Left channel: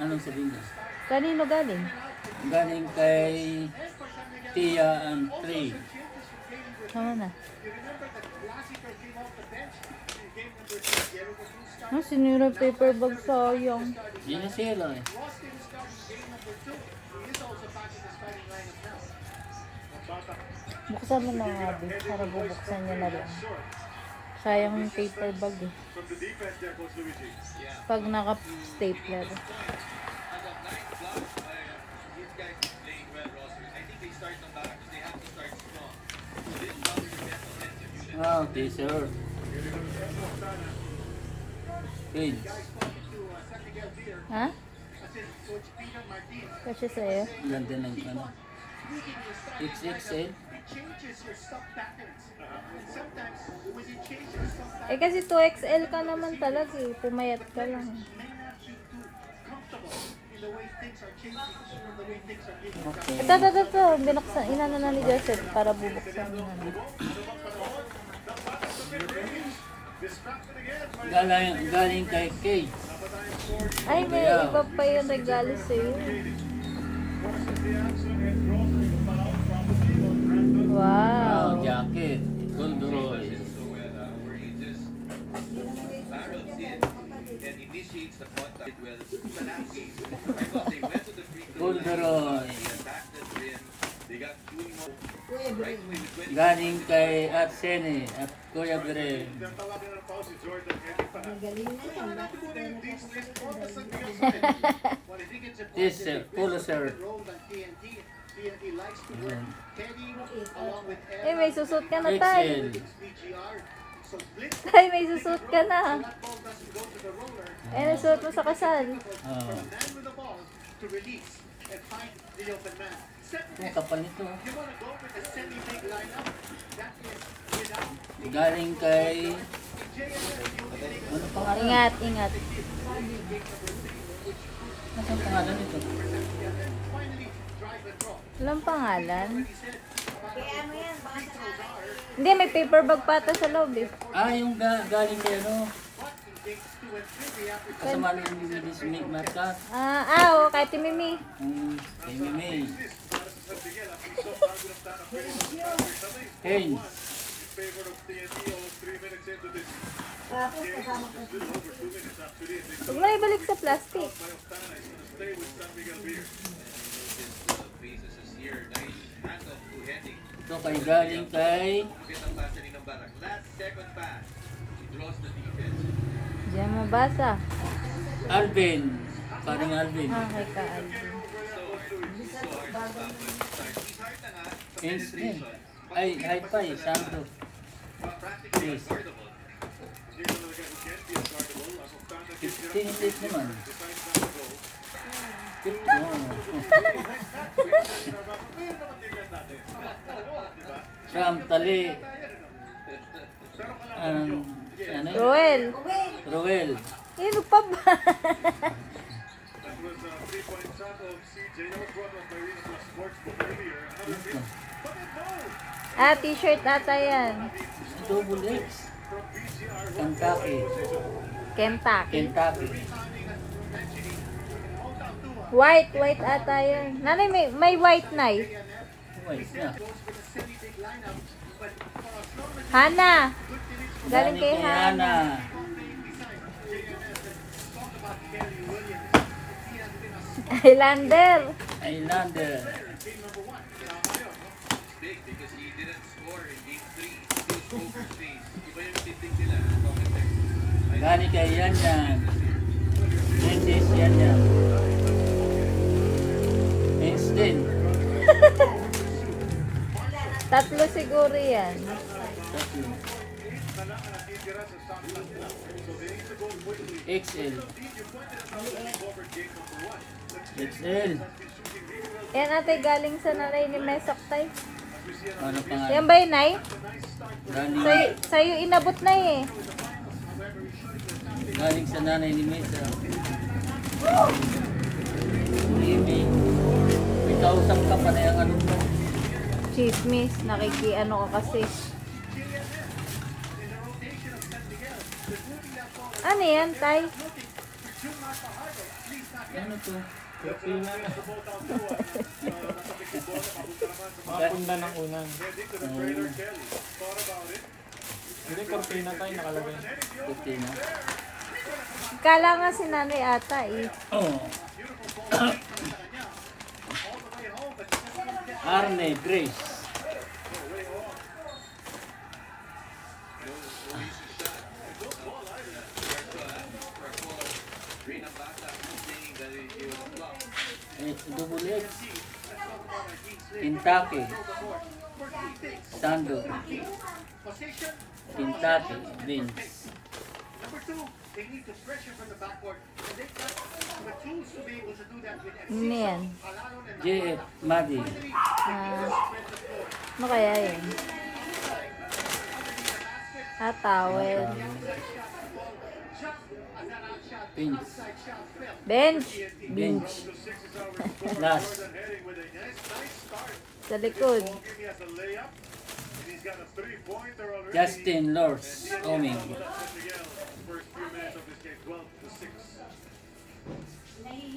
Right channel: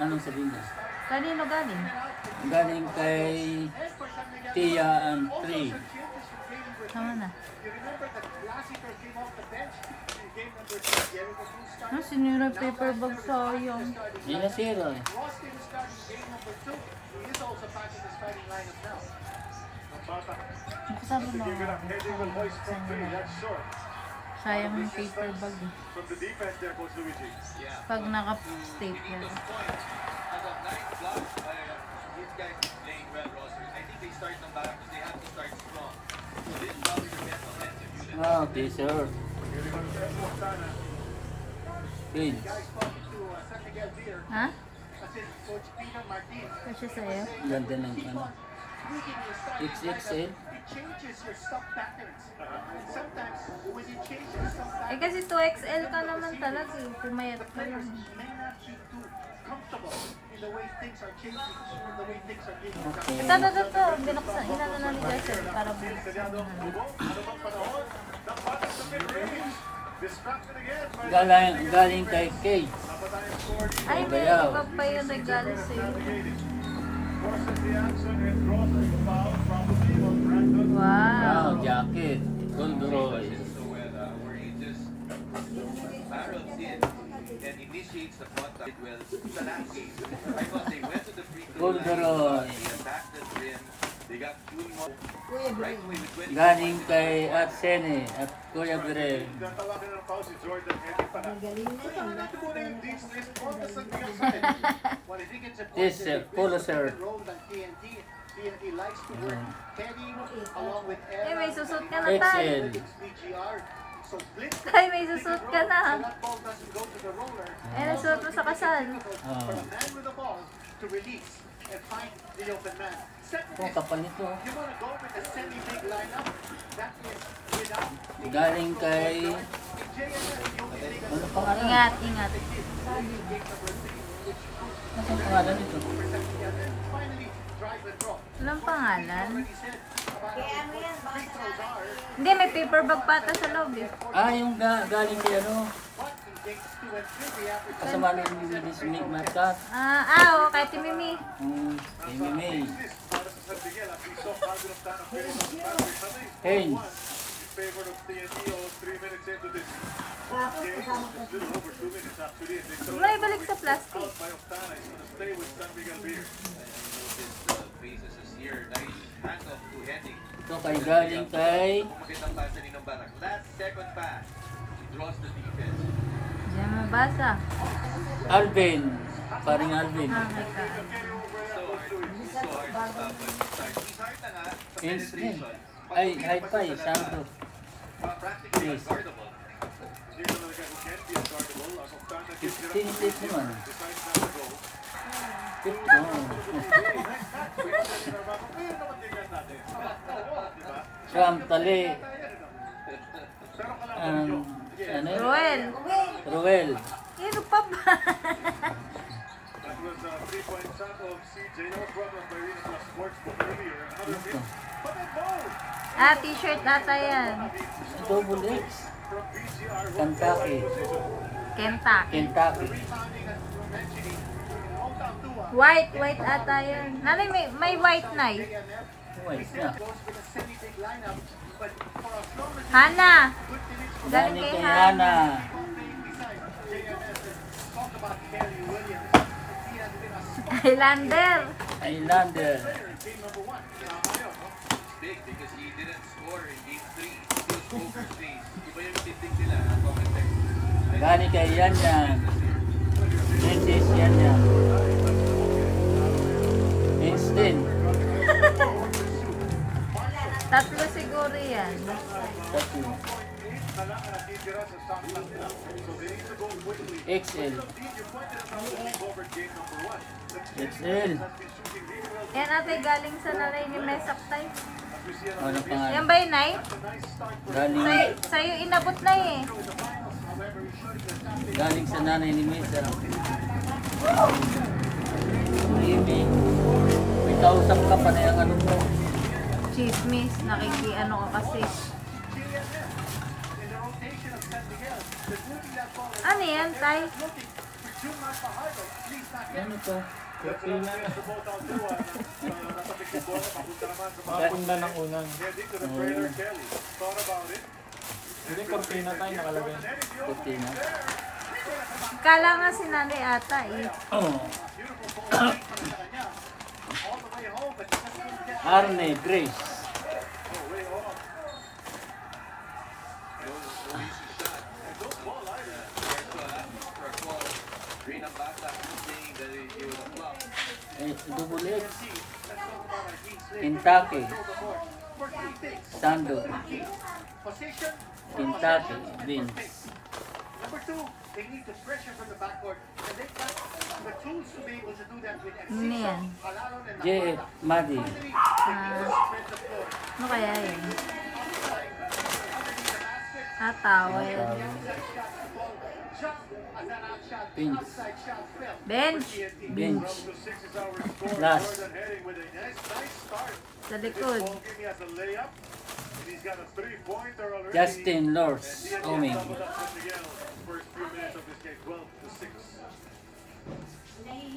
Anong sabihin niya? Kanino galing? Galing kay Tia and Trey. Tama na. Sinira paper bag, sayang. Hindi na sila eh. Buksan mo na. Buksan mo na lang. Sayang yung paper bag eh. Pag naka-stapler. Ah, okay, sir. Pins. Ha? Kasi sa'yo? Ganda ng ano. XXL. Eh kasi 2XL ka naman talaga eh. Pumayat ka lang. Okay. Ito. Binuksan. Inano na ni Joseph para bubuksan mo na. Galing kay Kay. Ay, may iba pa yung regalo sa'yo. Wow. Jacket. Goldroy. Goldroy. Galing kay Arsene at Kuya Bire. This Pulitzer. Eh, may susot ka na tayo. XL. Ay, may susot ka na. Eh, nasuot mo sa kasal. Oh. Ang kapal nito. Galing kay... Ano pangalan? Ingat. Ano pangalan nito? Walang pangalan. Hindi, may paper bag pata sa loob eh. Ah, yung galing kay ano? Kasama ni Miss Marcas. Oo, kay Timimi. Kay Mimi. Haynes. Huwag na ibalik sa plastic. Ito kay galing kay... Diyan mabasa. Alvin. Paring Alvin. Kay Kaan. Haynes din. Ay, hi-fi. Santo. Yes. Tinitip naman. Sam, tali. Ano yun? Ruel. Ruel. Ano pa ba? T-shirt ata yan. Double X. Kentucky. Kentucky. White ata yan. Nanay, may white na eh. White na. Hana. Galing Galing kay kay Hana. Hana. Highlander. Islander. Galing kay Yan. Princess Yan. Einstein. Tatlo siguro yan. XL. XL. Yan ate galing sa nanay ni Mesaktay. Ano pangalan? Yan ba yun, Nay? Galing, Sa'yo inabot na eh. galing sa nanay ni Mesa. Maybe. May kausap ka pa na yung ano mo. Chismis, nakikiano ka kasi. Ano yan, Tay? Ano to? Cortina na. Mapunda ng unan. Hindi, cortina tayo nakalagay. Cortina. Kala nga si nanay ata eh. Oh. Arne, Grace. Double X. Kentucky. Sando. Kentucky. Vince. They need the pressure from the backcourt, and they've got the tools to be able to do that with Ano yan? JF. Madi. Ano kaya yun? Towel. Vince. Bench. Bench. Last. Sa likod. Justin Lors. Oming.